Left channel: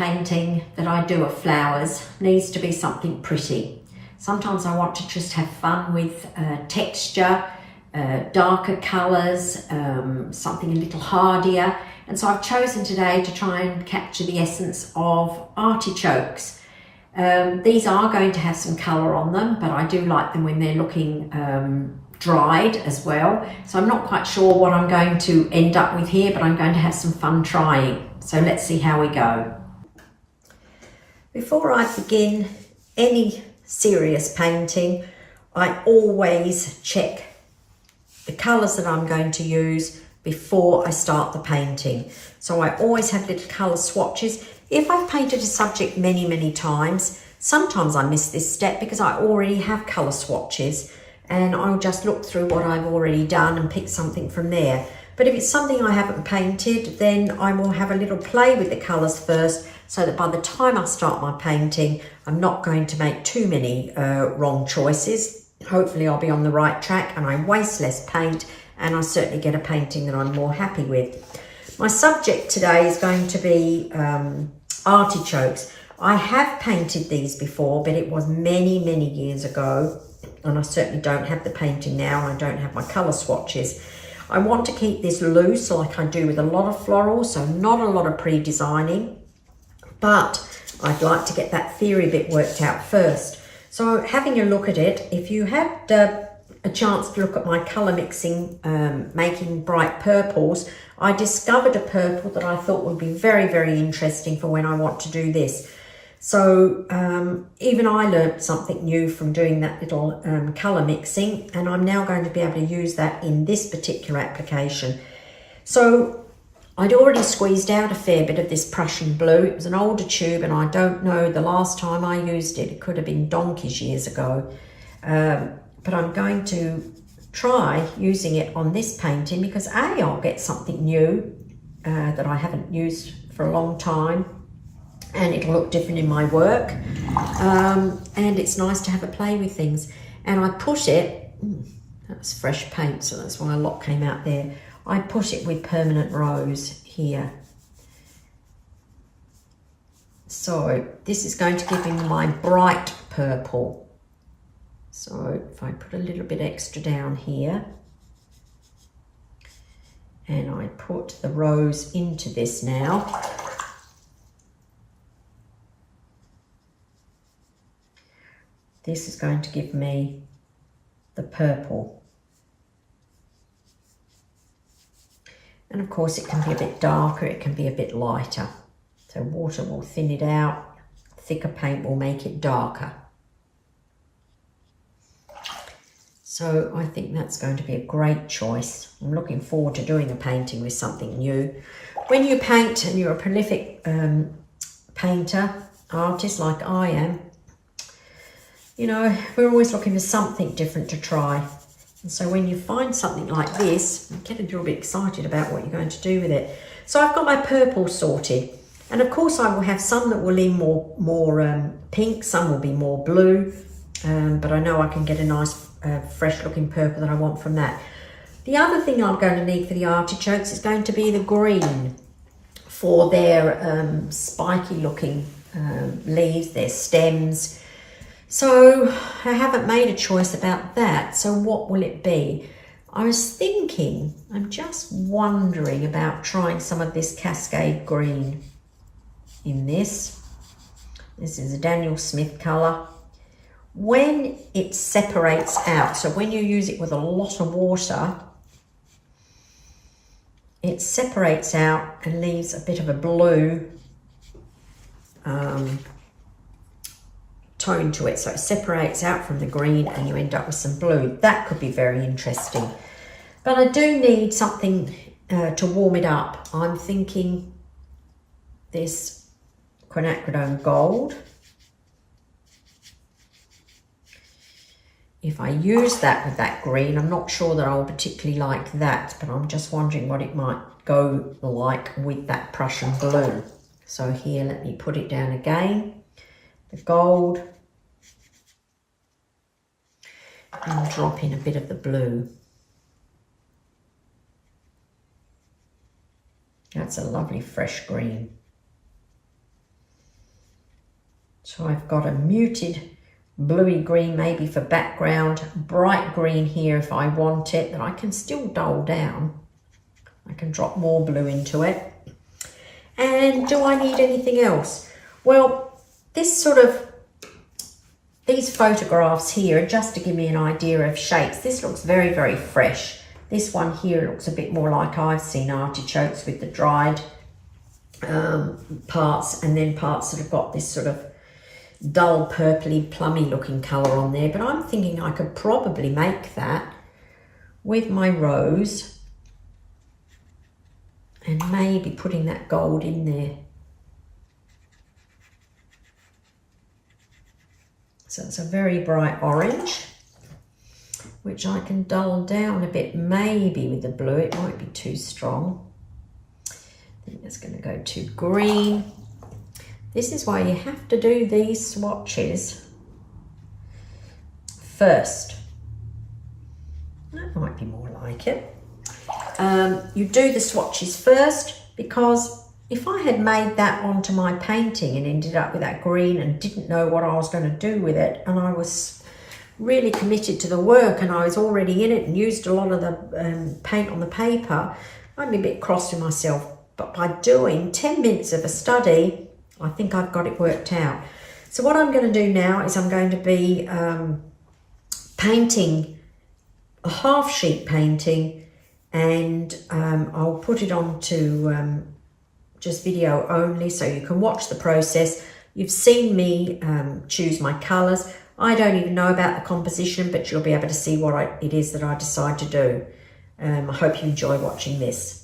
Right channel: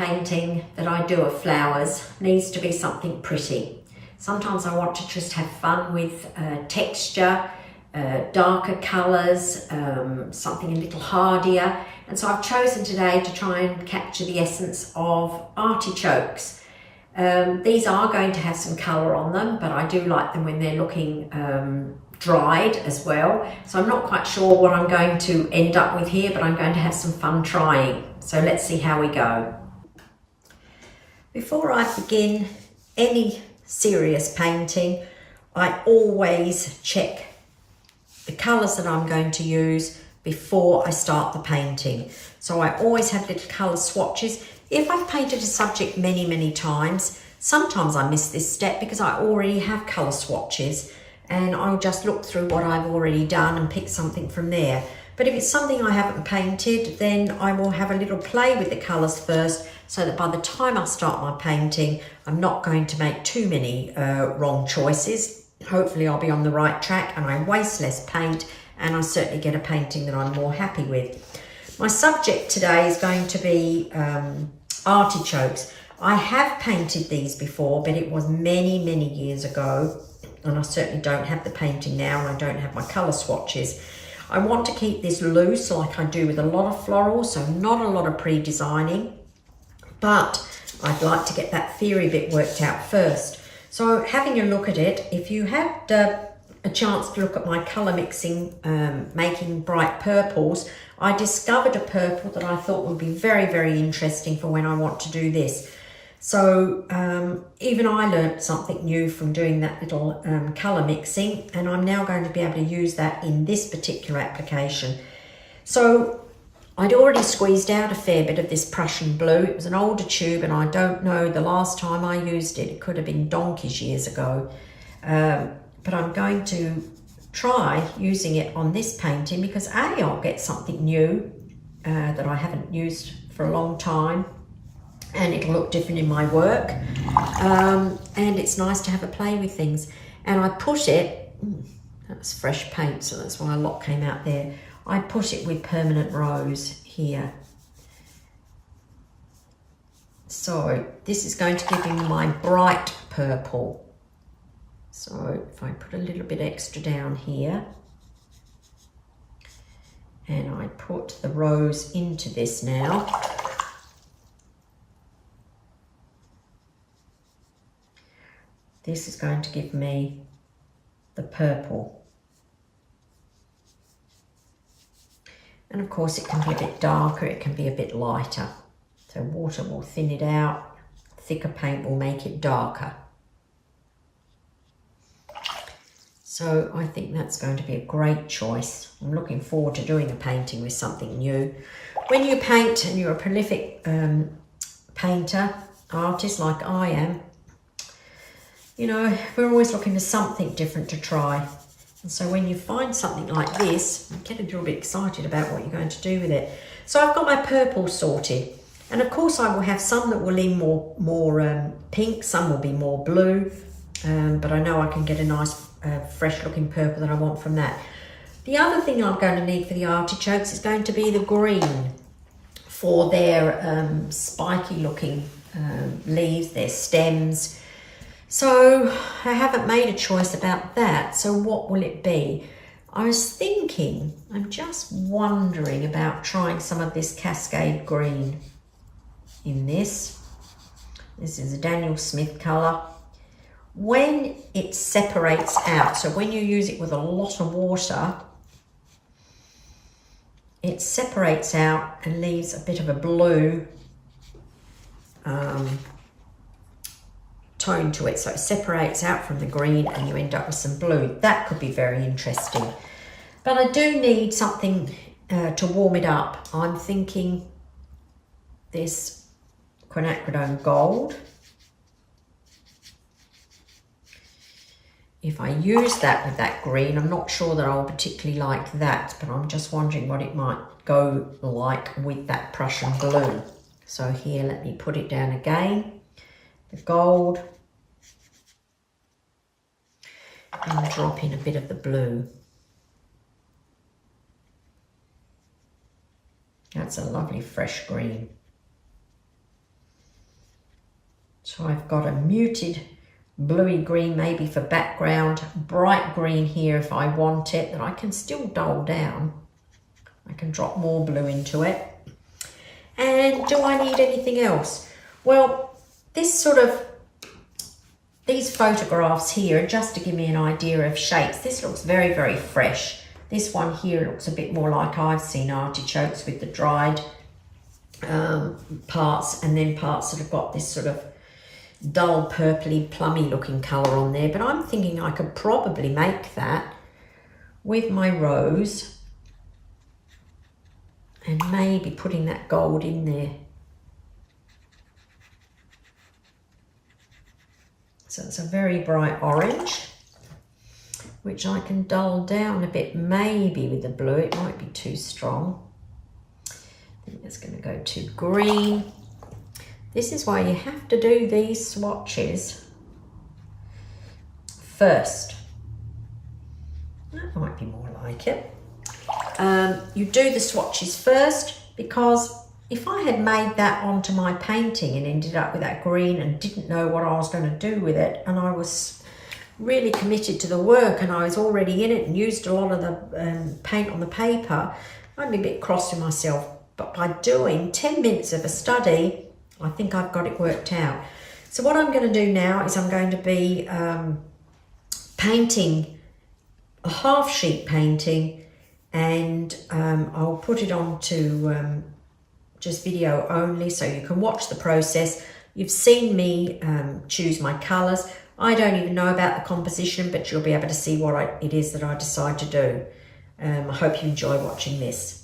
painting that I do of flowers needs to be something pretty. Sometimes I want to just have fun with texture, darker colours, something a little hardier. And so I've chosen today to try and capture the essence of artichokes. These are going to have some colour on them, but I do like them when they're looking dried as well. So I'm not quite sure what I'm going to end up with here, but I'm going to have some fun trying. So let's see how we go. Before I begin any serious painting, I always check the colours that I'm going to use before I start the painting. So I always have little colour swatches. If I've painted a subject many times, sometimes I miss this step because I already have colour swatches, and I'll just look through what I've already done and pick something from there. But if it's something I haven't painted, then I will have a little play with the colours first, so that by the time I start my painting, I'm not going to make too many wrong choices. Hopefully I'll be on the right track and I waste less paint, and I certainly get a painting that I'm more happy with. My subject today is going to be artichokes. I have painted these before, but it was many years ago, and I certainly don't have the painting now, and I don't have my colour swatches. I want to keep this loose like I do with a lot of florals, so not a lot of pre-designing, but I'd like to get that theory bit worked out first. So having a look at it, if you had a chance to look at my colour mixing, making bright purples, I discovered a purple that I thought would be very interesting for when I want to do this. So even I learnt something new from doing that little colour mixing, and I'm now going to be able to use that in this particular application. So I'd already squeezed out a fair bit of this Prussian blue. It was an older tube, and I don't know the last time I used it. It could have been donkey's years ago. But I'm going to try using it on this painting because A, I'll get something new that I haven't used for a long time, and it'll look different in my work, and it's nice to have a play with things. And I put it, that was fresh paint, so that's why a lot came out there. I put it with permanent rose here. So this is going to give me my bright purple. So if I put a little bit extra down here, and I put the rose into this now, this is going to give me the purple. And of course it can be a bit darker, it can be a bit lighter. So water will thin it out, thicker paint will make it darker. So I think that's going to be a great choice. I'm looking forward to doing a painting with something new. When you paint and you're a prolific painter, artist like I am, you know, we're always looking for something different to try. And so when you find something like this, you get a little bit excited about what you're going to do with it. So I've got my purple sorted. And of course I will have some that will lean more pink, some will be more blue. But I know I can get a nice fresh looking purple that I want from that. The other thing I'm going to need for the artichokes is going to be the green for their spiky looking leaves, their stems. So I haven't made a choice about that. So what will it be? I was thinking, I'm just wondering about trying some of this Cascade green in this. This is a Daniel Smith colour. When it separates out, so when you use it with a lot of water, it separates out and leaves a bit of a blue tone to it. So it separates out from the green and you end up with some blue. That could be very interesting. But I do need something to warm it up. I'm thinking this Quinacridone gold. If I use that with that green, I'm not sure that I'll particularly like that, but I'm just wondering what it might go like with that Prussian blue. So here, let me put it down again, the gold, and drop in a bit of the blue. That's a lovely fresh green. So I've got a muted bluey green maybe for background, bright green here if I want it, that I can still dull down. I can drop more blue into it. And do I need anything else? Well, these photographs here, just to give me an idea of shapes, this looks very, very fresh. This one here looks a bit more like I've seen artichokes, with the dried parts, and then parts that have got this sort of dull purpley plummy looking colour on there. But I'm thinking I could probably make that with my rose and maybe putting that gold in there. So it's a very bright orange, which I can dull down a bit maybe with the blue. It might be too strong. I think it's going to go too green. This is why you have to do these swatches first. That might be more like it. You do the swatches first, because if I had made that onto my painting and ended up with that green and didn't know what I was going to do with it, and I was really committed to the work and I was already in it and used a lot of the paint on the paper, I'd be a bit cross with myself. But by doing 10 minutes of a study, I think I've got it worked out. So what I'm going to do now is I'm going to be painting a half sheet painting, and I'll put it onto just video only so you can watch the process. You've seen me choose my colours. I don't even know about the composition, but you'll be able to see what it is that I decide to do. I hope you enjoy watching this.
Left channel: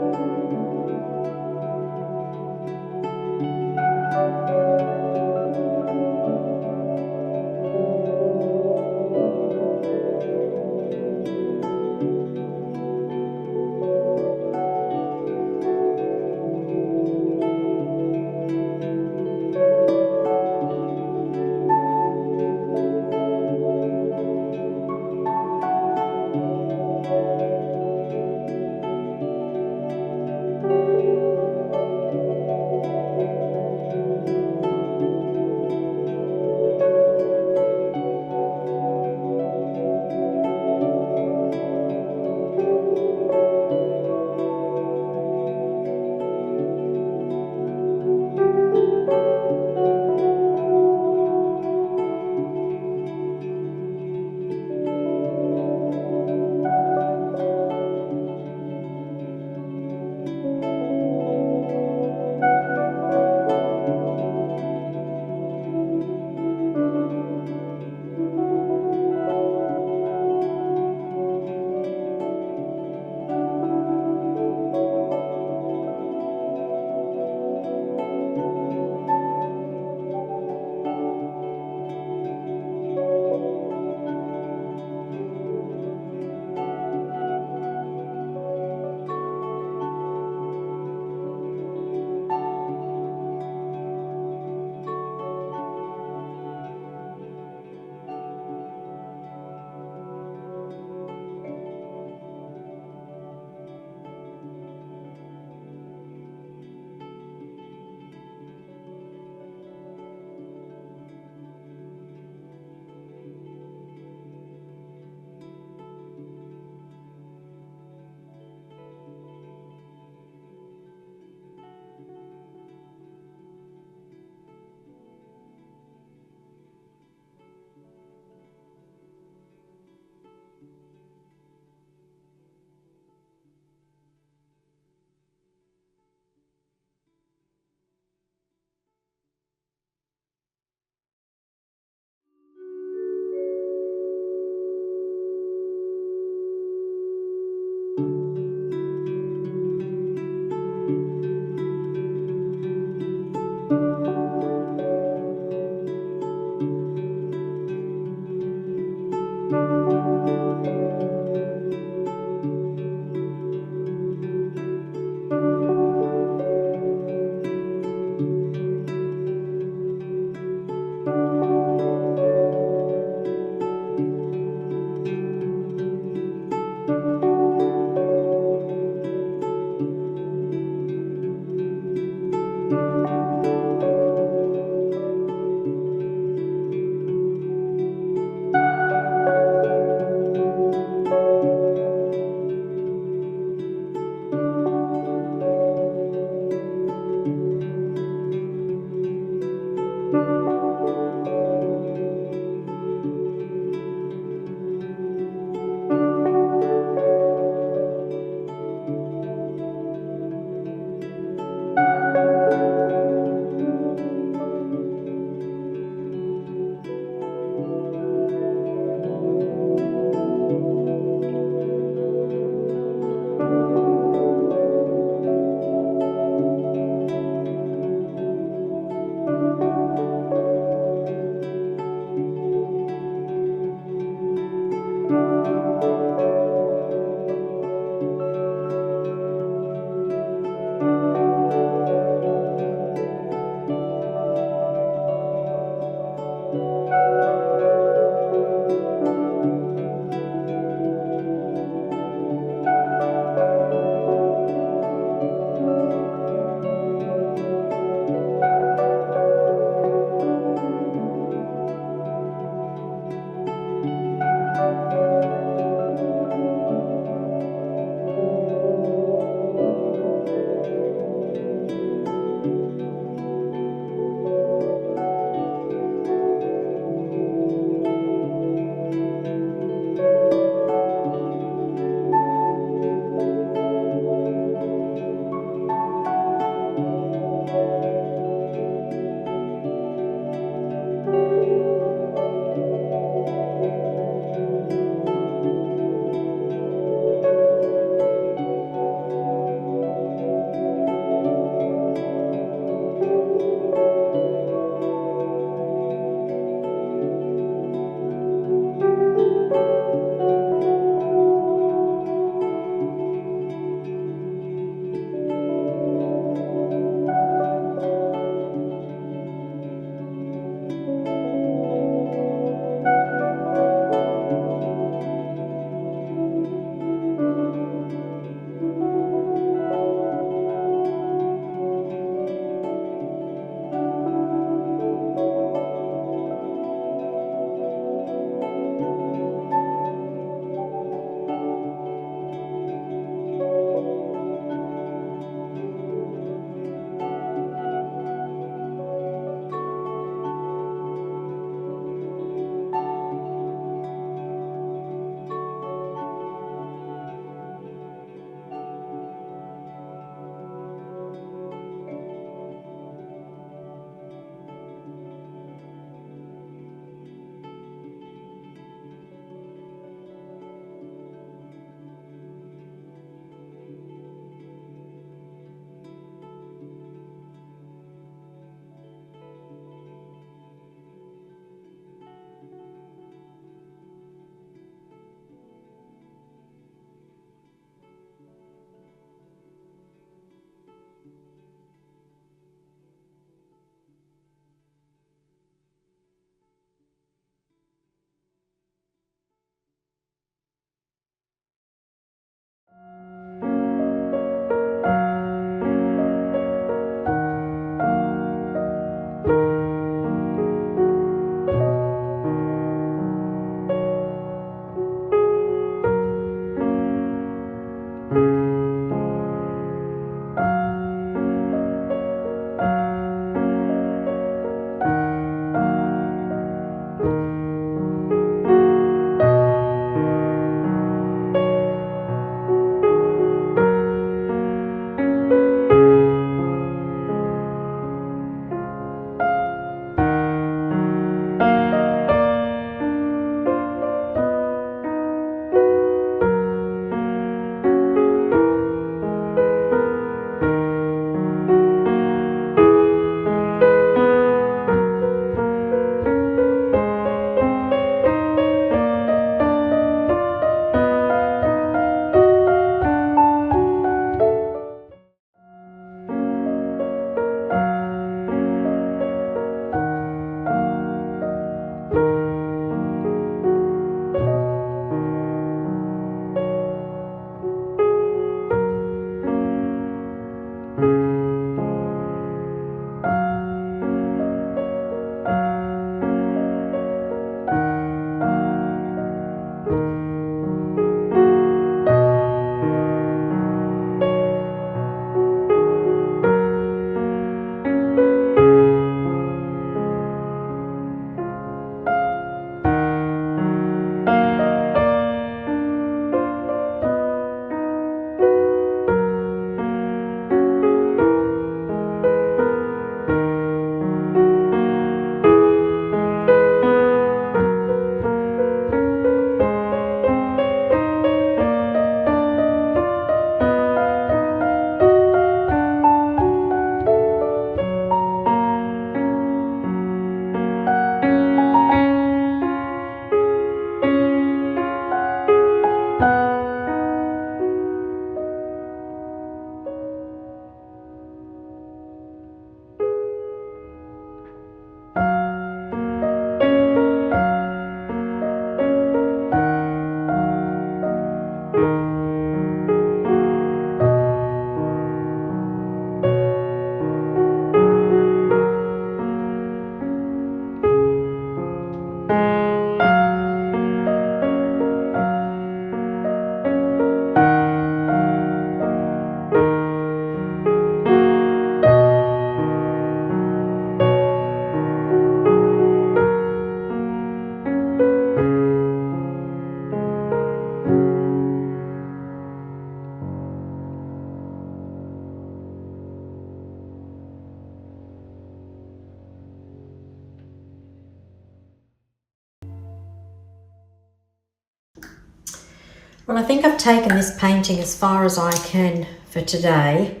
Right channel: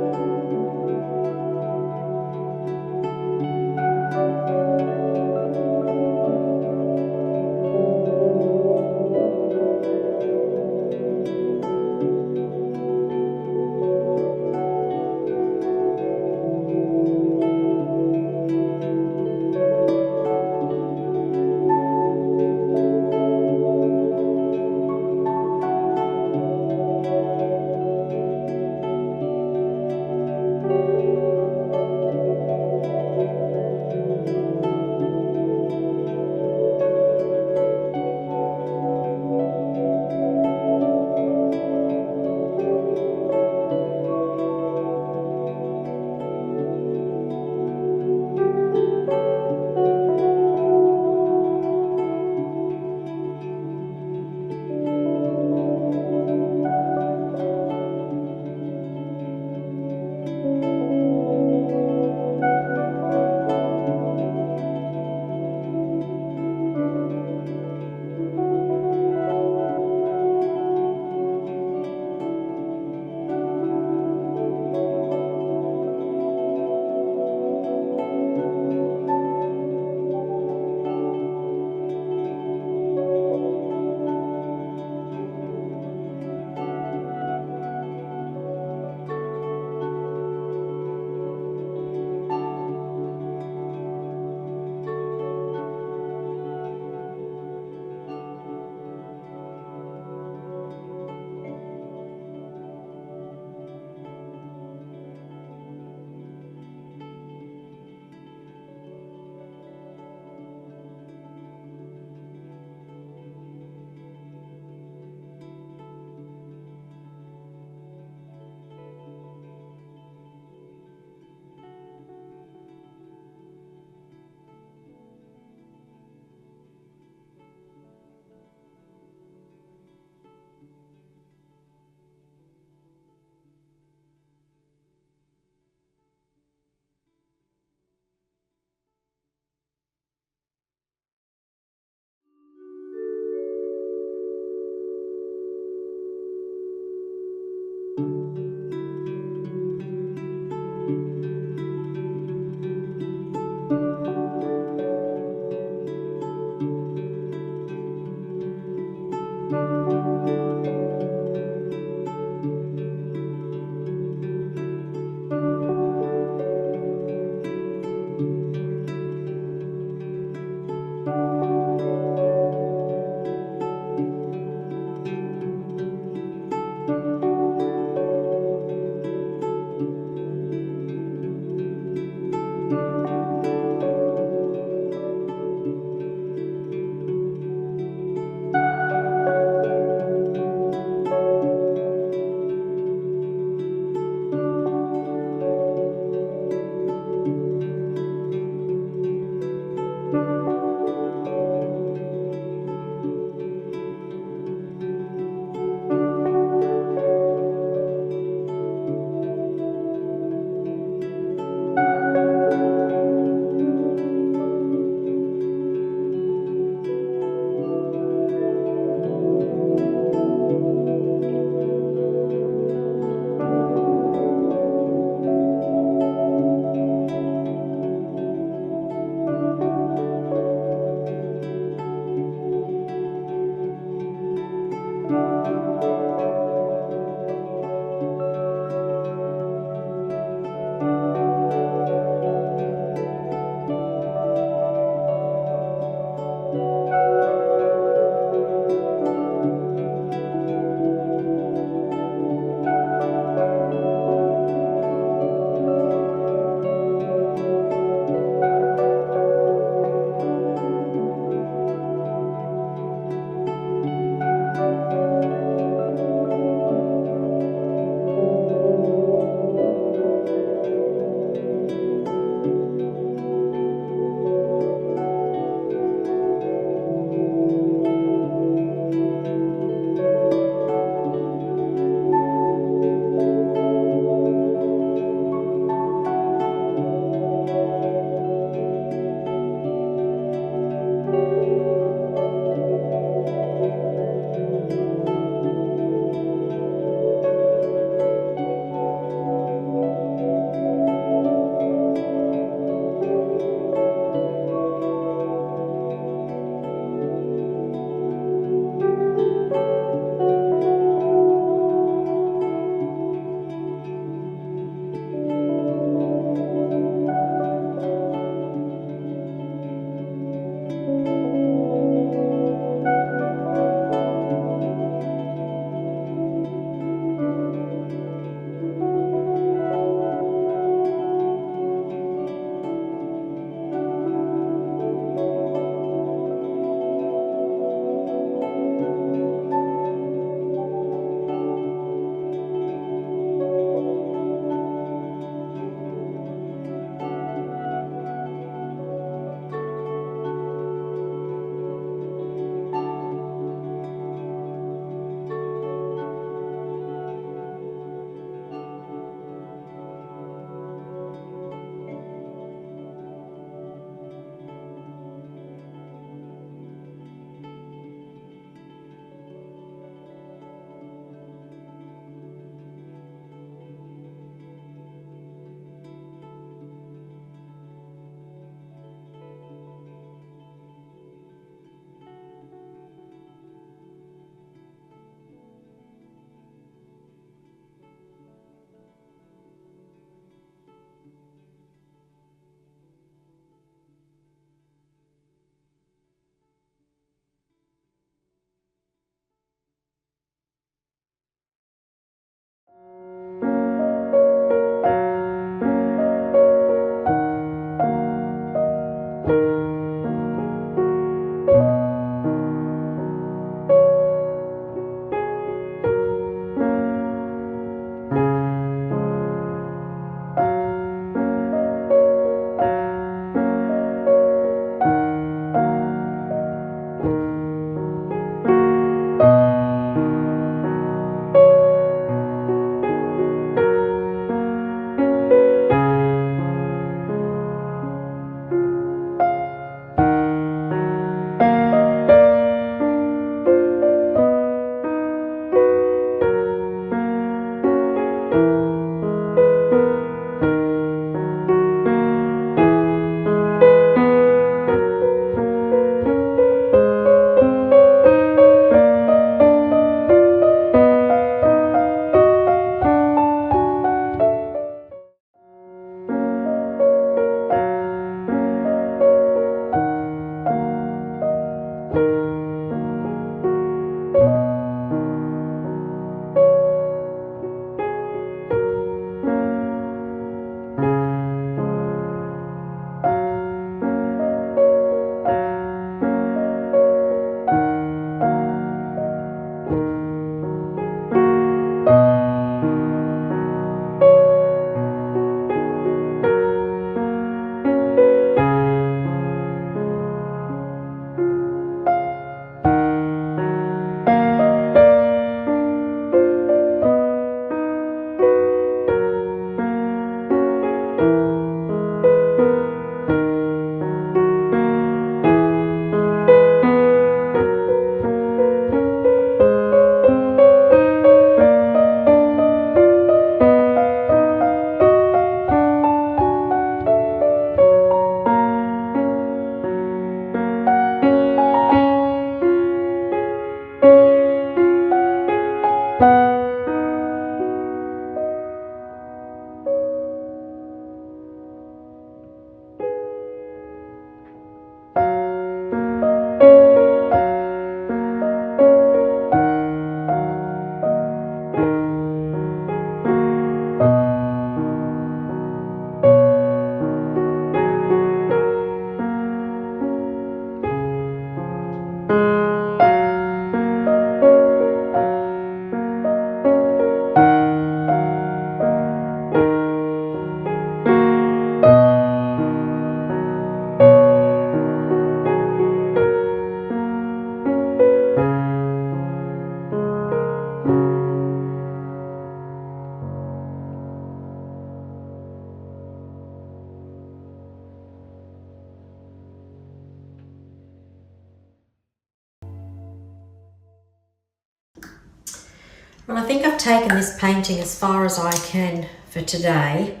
Well, I think I've taken this painting as far as I can for today.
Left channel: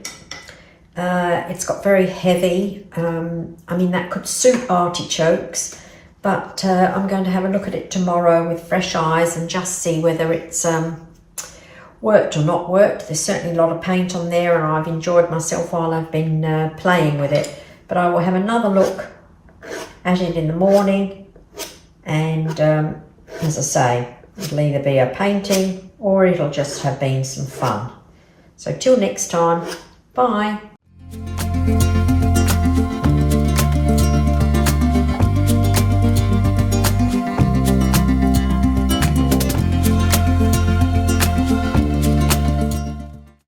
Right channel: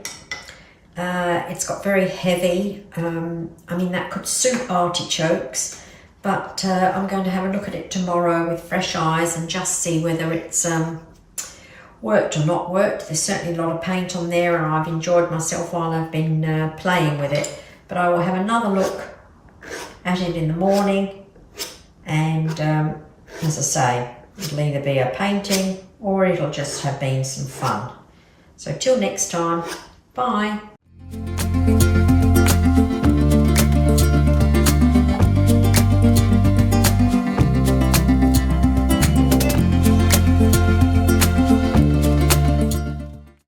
It's got very heavy. I mean, that could suit artichokes, but I'm going to have a look at it tomorrow with fresh eyes and just see whether it's worked or not worked. There's certainly a lot of paint on there, and I've enjoyed myself while I've been playing with it. But I will have another look at it in the morning, and as I say, it'll either be a painting or it'll just have been some fun. So till next time, bye.